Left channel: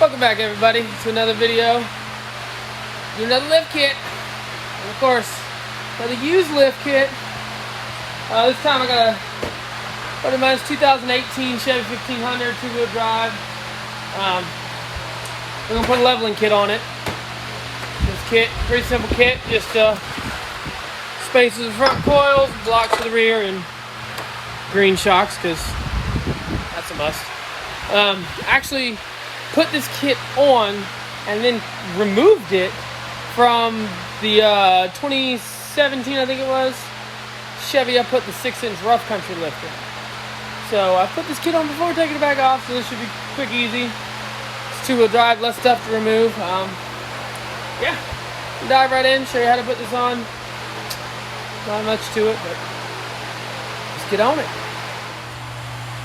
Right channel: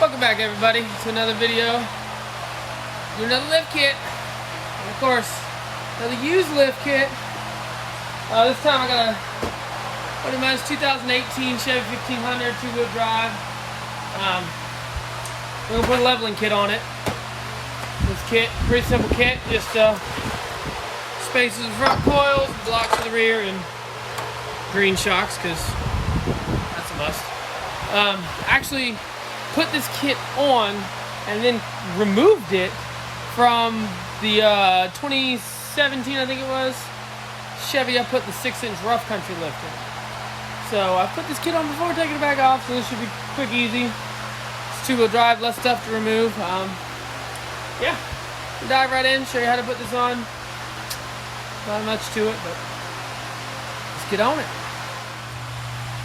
Welcome back, everybody, to another video. Do another lift kit, and of course, another used lift kit. This time I got a buddy of mine's 2018 Chevy 1500 two-wheel drive. We're gonna put a leveling kit on it. This kit, pretty simple kit, just spaces the front coils, blocks for the rear, and green shocks, because that's a must. Actually put this kit on and then removed it from the 2017, I think it was, Chevy. I put the 6-inch rough country lift in. So I put this kit on before taking it back off, so this should be quick, easy. It's two-wheel drive, less stuff to remove. Yeah, we'll dive right in, show you how to put this on. Not much to it, but let's get on it.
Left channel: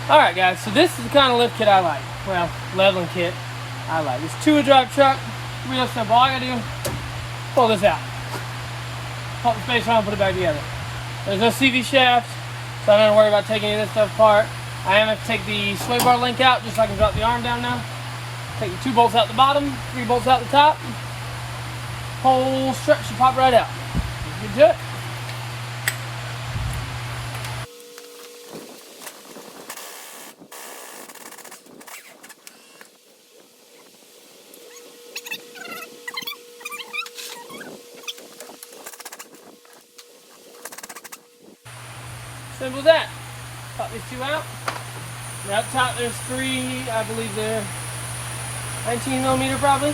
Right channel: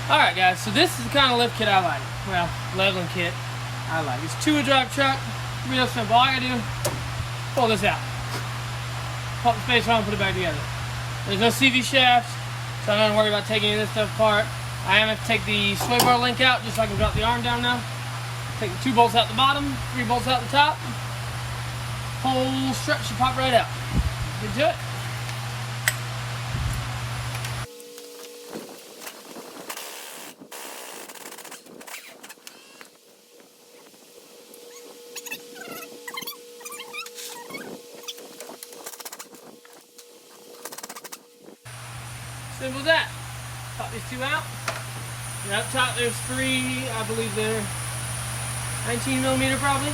Alright guys, so this is the kind of lift kit I like. Well, leveling kit I like. It's a two-wheel drive truck, real simple. All I gotta do is pull this out. Pop the spacer on, put it back together. There's no CV shaft, so I'm not gonna worry about taking any of this stuff apart. I am gonna take the sway bar link out just so I can drop the arm down now. Take the 2 bolts out the bottom, 3 bolts out the top. Whole stretch should pop right out. Good to it. Simple as that. Pop these 2 out. And up top there's 3, I believe they're 19mm probably.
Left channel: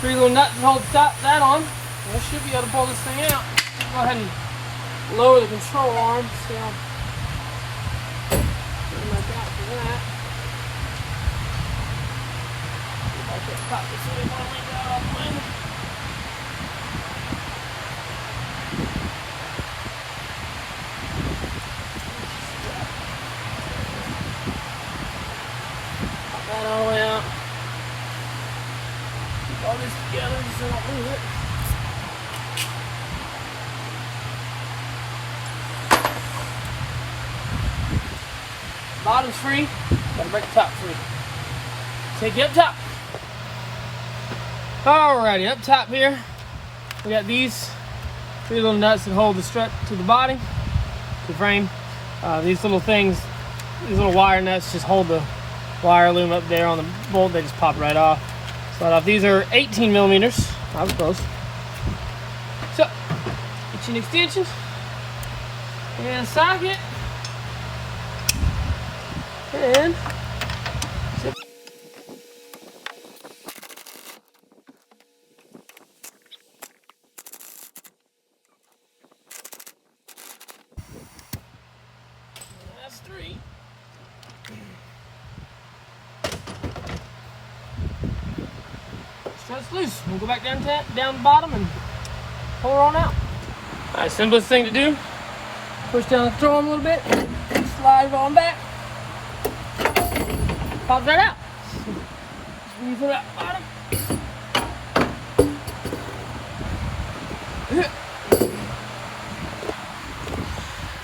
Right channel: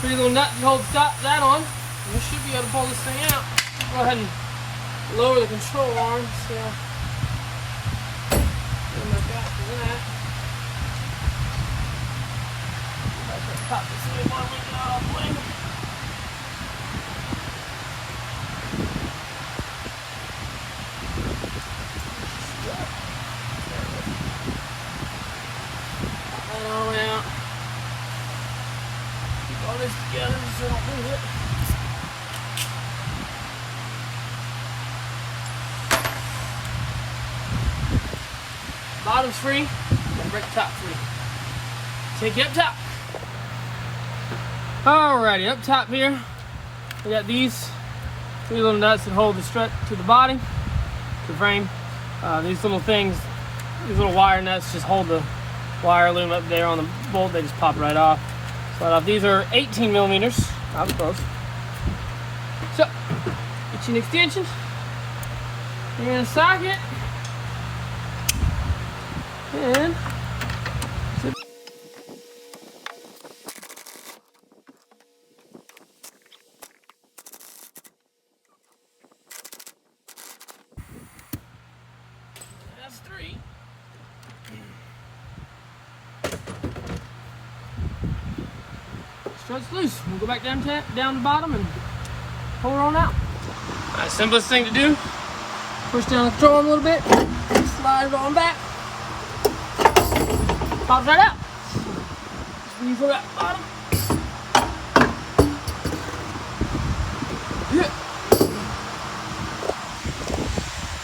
3 little nuts to hold that on. And we should be able to pull this thing out. Go ahead and lower the control arm. See how like that for that. See if I can pop this in one way down all the way. That all the way out. Keep all this together so I don't move it. Bottom's free, gotta break the top free. Take you up top. Alrighty, up top here, we got these 3 little nuts that hold the strut to the body, the frame. These little things, these little wire nuts just hold the wire loom up there on the bolt. They just pop right off. So these are 18mm. I was close. So get you an extension and a socket, and that's 3. Struts loose. We'll go back down the bottom and pull her on out. Alright, simplest thing to do. Push down the control arm a little bit. Slide it on back. Pops right out. Squeeze for that bottom.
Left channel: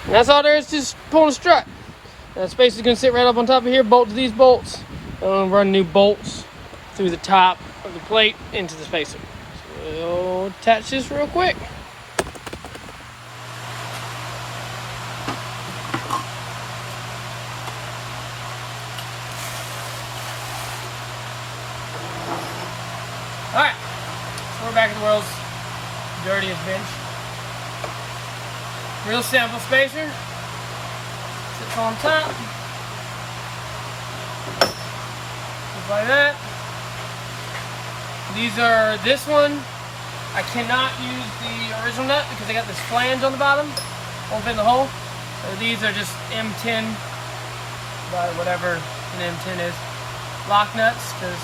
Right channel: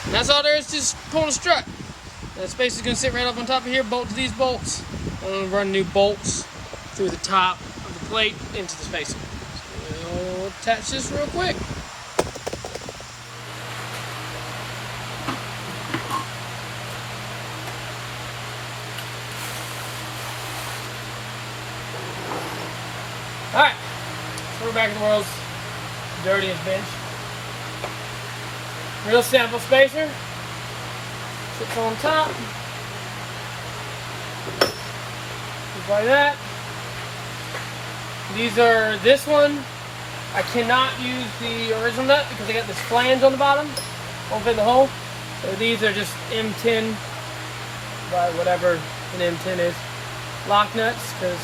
And that's all there is to just pull the strut. That space is going to sit right up on top of here. Bolt to these bolts. Run new bolts through the top of the plate into the spacer. So we'll attach this real quick. Alright, we're back in the world's dirtiest bench. Real simple spacer. Sits on top. Just like that. This one, I cannot use the original nut because I got this flange on the bottom. Won't fit in the hole. So these are just M10, by whatever an M10 is. Lock nuts, because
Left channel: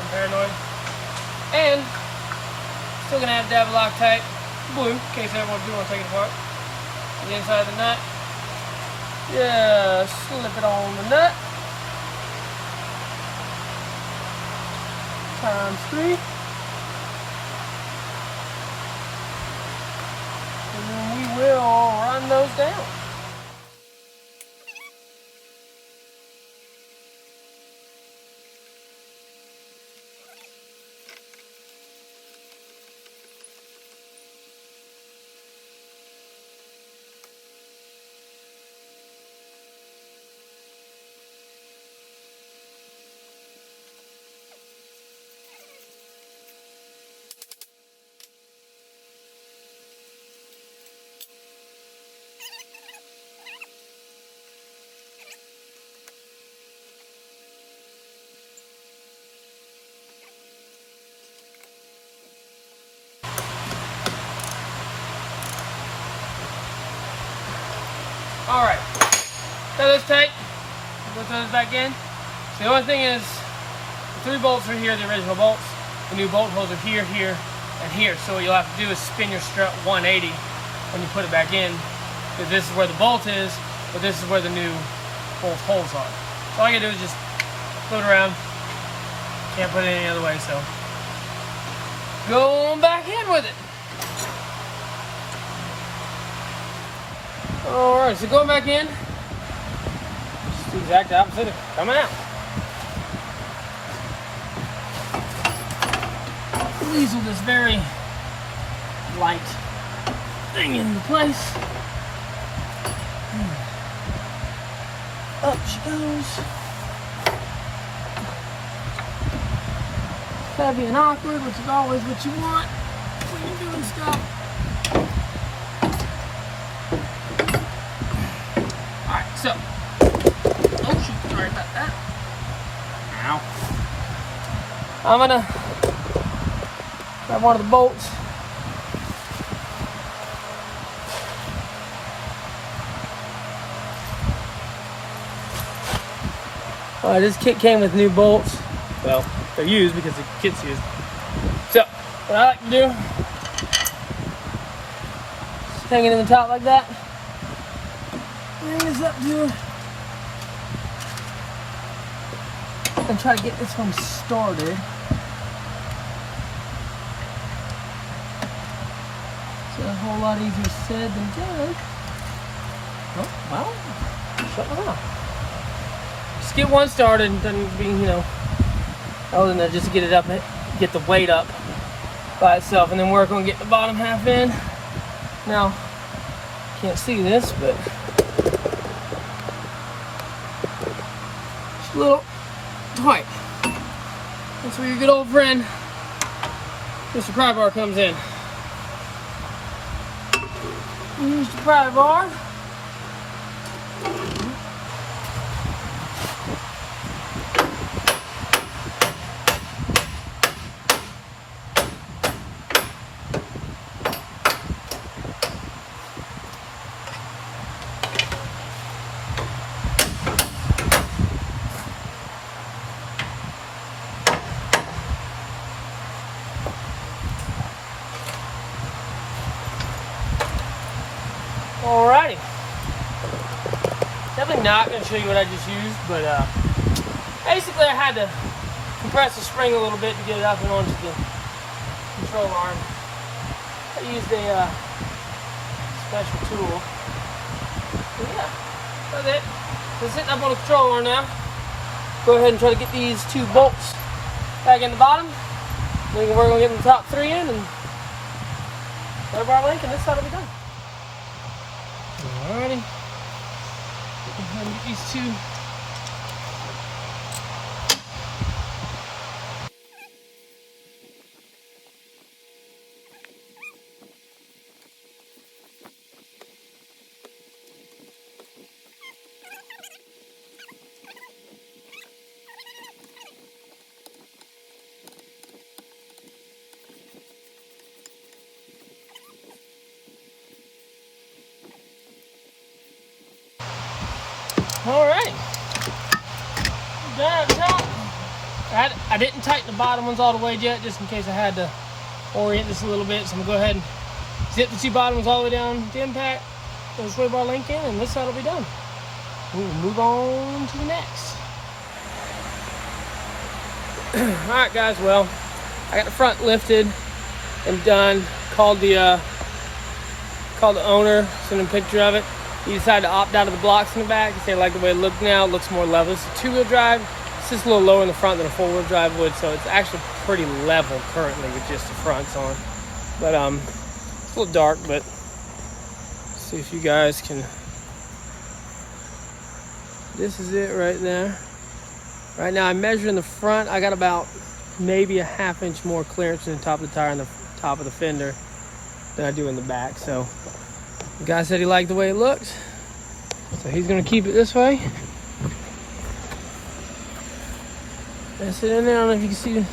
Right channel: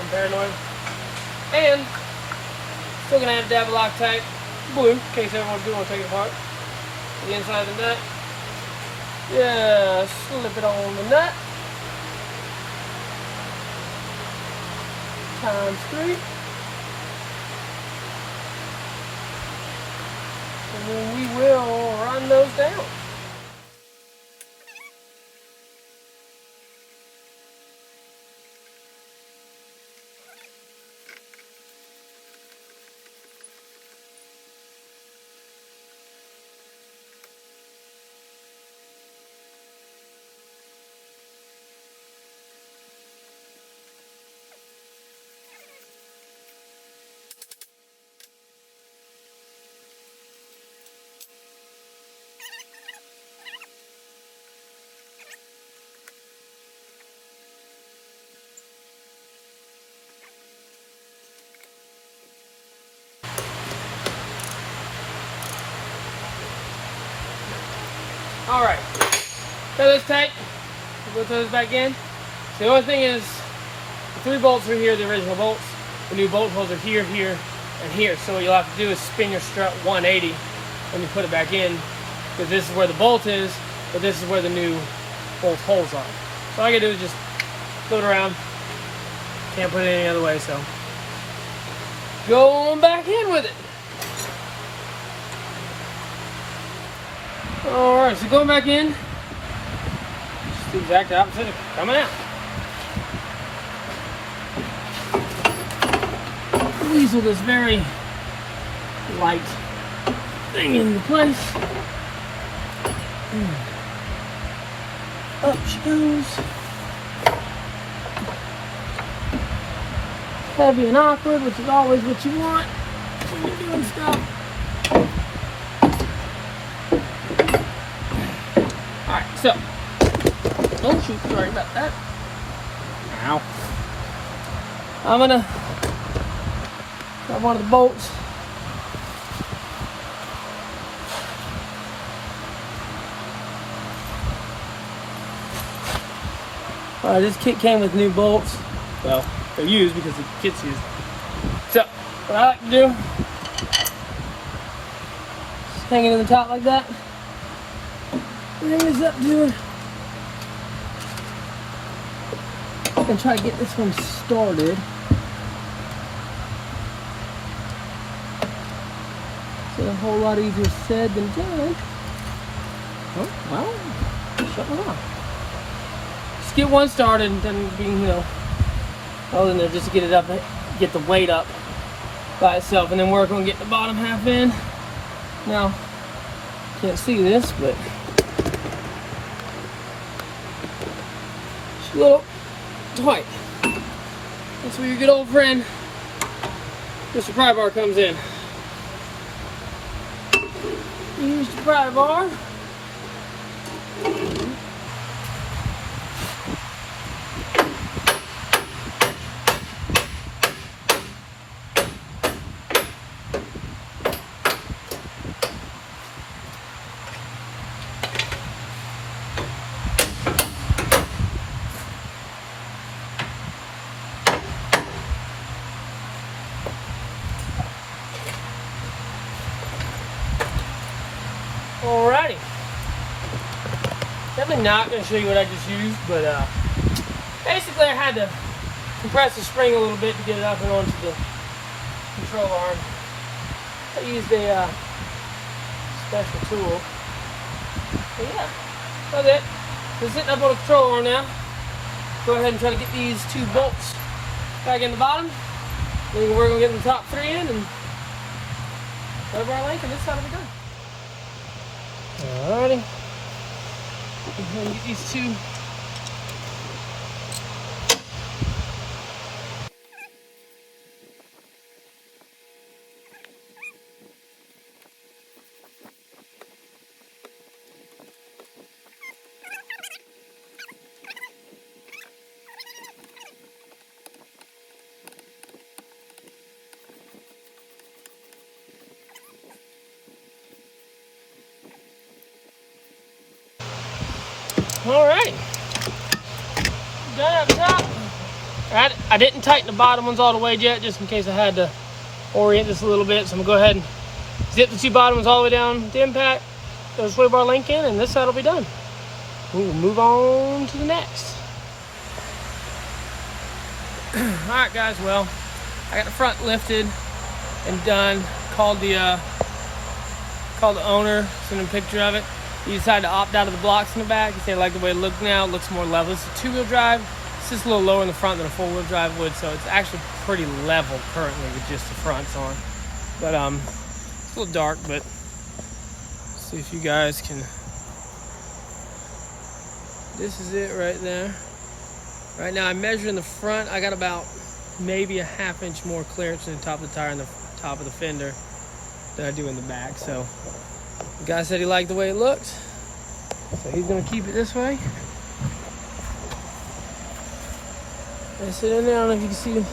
I'm paranoid. And still gonna have to have a Loctite blue in case everyone do want to take it apart. The inside of the nut. Yeah, slip it on the nut. Times 3. And then we will run those down. All right, so that's tight. We'll throw this back in. The only thing is, the 3 bolts are here, the original bolts. The new bolt holes are here, here, and here. So what you'll have to do is spin your strut 180 when you put it back in, because this is where the bolt is, but this is where the new bolt holes are. So all I gotta do is just float around. Can't put it any other way, so going back in with it. All right, so going back in, it's the exact opposite of coming out. Weasel this very light thing into place. Up she goes. Heavy and awkward, which is always what you want when you're doing stuff. Alright, so. Oh shoot, sorry about that. Ow. I'm gonna grab one of the bolts. This kit came with new bolts. Well, they're used because the kit's used. So, what I like to do, just hang it in the top like that. Bring this up to her. And try to get this one started. It's a whole lot easier said than done. Oh, well, shut me up. Just get one started and then being, you know, other than that, just get it up, get the weight up by itself, and then work on getting the bottom half in. Now, can't see this, but it's a little tight. That's where your good old friend Mr. Pry Bar comes in. Mr. Pry Bar. Alrighty. Definitely not going to show you what I just used, but basically I had to compress the spring a little bit to get it up and onto the control arm. I used a special tool. But yeah, that's it. So sitting up on the control arm now. Go ahead and try to get these 2 bolts back in the bottom. Then we're going to get the top 3 in and grab our link, and this side will be done. Alrighty. Go ahead and get these 2. Alright, I didn't tighten the bottom ones all the way yet, just in case I had to orient this a little bit. So I'm gonna go ahead and zip the 2 bottom ones all the way down the impact, throw the sway bar link in, and this side will be done. We will move on to the next. Alright guys, well, I got the front lifted and done. Called the owner, sent him a picture of it. He decided to opt out of the blocks in the back. He said, I like the way it looked now. It looks more level. It's a 2-wheel drive. It's just a little lower in the front than a 4-wheel drive would, so it's actually pretty level currently with just the fronts on. But it's a little dark, but see if you guys can. This is it right there. Right now I'm measuring the front. I got about maybe a 1/2 inch more clearance in the top of the tire and the top of the fender than I do in the back. So the guy said he liked the way it looked, so he's gonna keep it this way. That's it in there. I don't know if you can see the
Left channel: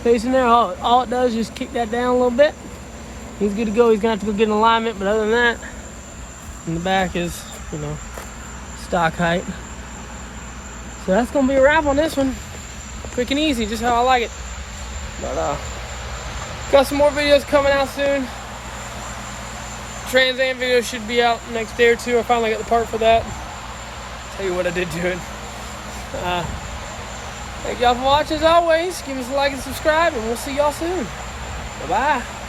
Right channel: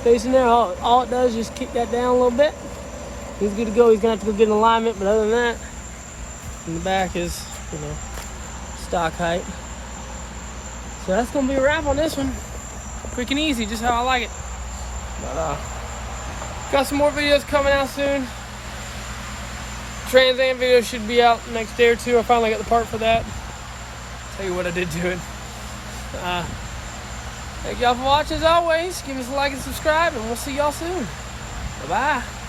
space in there. All it does is just kick that down a little bit. He's good to go. He's gonna have to go get an alignment, but other than that, in the back is you know, stock height. So that's gonna be a wrap on this one. Quick and easy, just how I like it. But got some more videos coming out soon. Trans Am video should be out next day or two. I finally got the part for that. Tell you what I did to it. Thank y'all for watching as always. Give us a like and subscribe, and we'll see y'all soon. Bye-bye.